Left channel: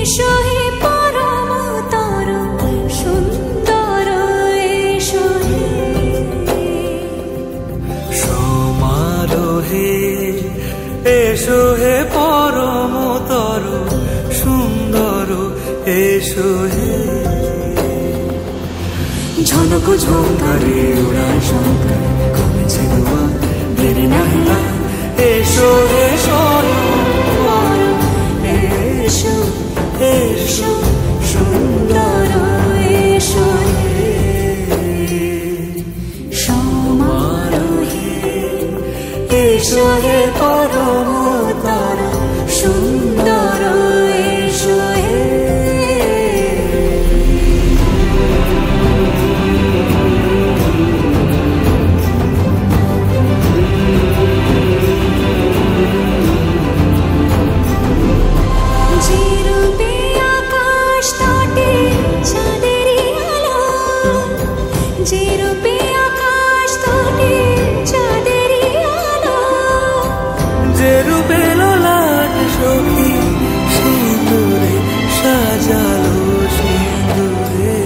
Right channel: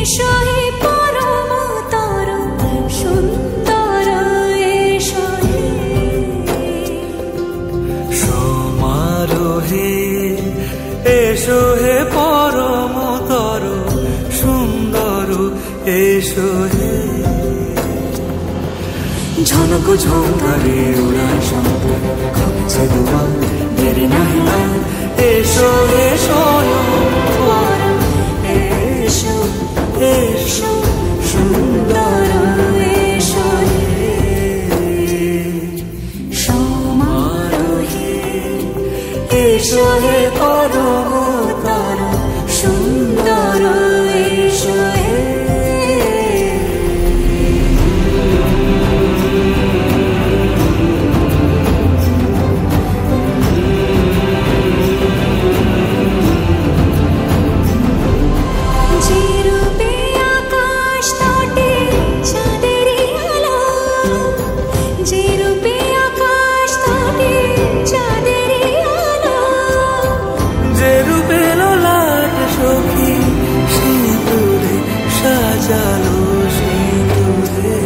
এসো হে পরম তর সুন্দর এসো হে সমারোহে এসো হে পরম তর সুন্দর এসো হে ঝনক ঝঙ্কারে উড়ান শঙ্কর খুলেছে দুয়ার দেরি নাহি আর এসো হে স্বয়ং বর এসো এসো সুন্দর এসো হে সমারোহে এসো হে পরম তর সুন্দর এসো হে যে রূপে আকাশ তটে চাঁদেরই আলো যে রূপে আকাশ তটে চাঁদেরই আলো যে রূপে ললাট সখী সিঁদুরে সাজালো সিঁদুরে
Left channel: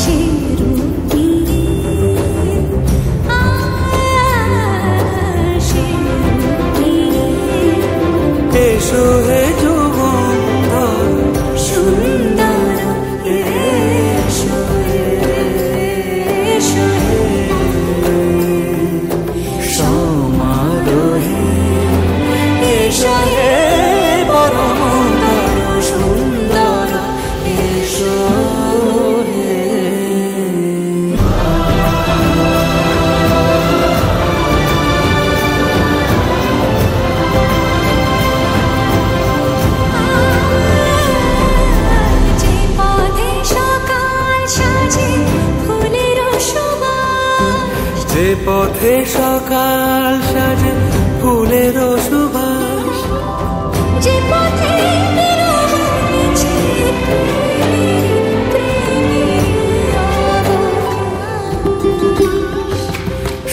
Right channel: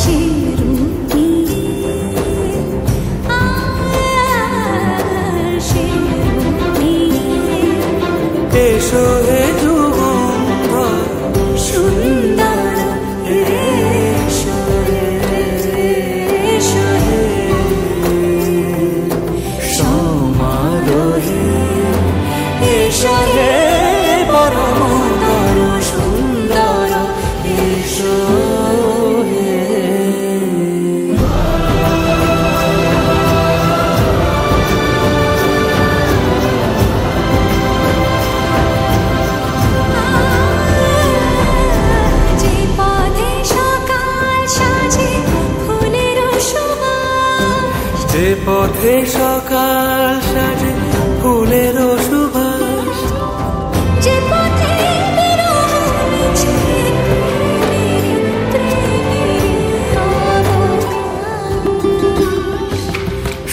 সে রূপী সে রূপী এসো হে যুগন্ধর সুন্দর এসো এসো হে সমারোহে এসো হে পরম তর সুন্দর এসো হে যে পথে সকাল সাজে ফুলের সুবাস যে পথে সকাল সাজে ফুলের সুবাস যে পথে বিরহ মিছে প্রেমেরই প্রেমেরই অবকাশ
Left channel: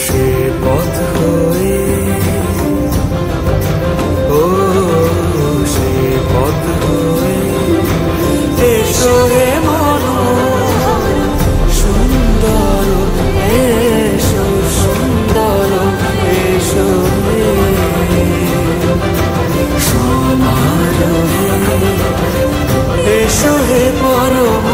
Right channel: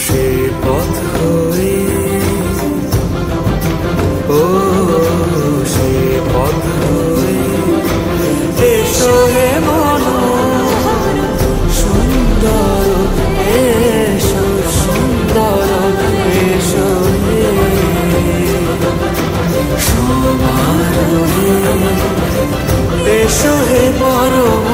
সে পথ হয়ে ও সে পথ হয়ে এসো হে মনোহর সুন্দর এসো সুন্দর এসো হে সমারোহে এসো হে পরম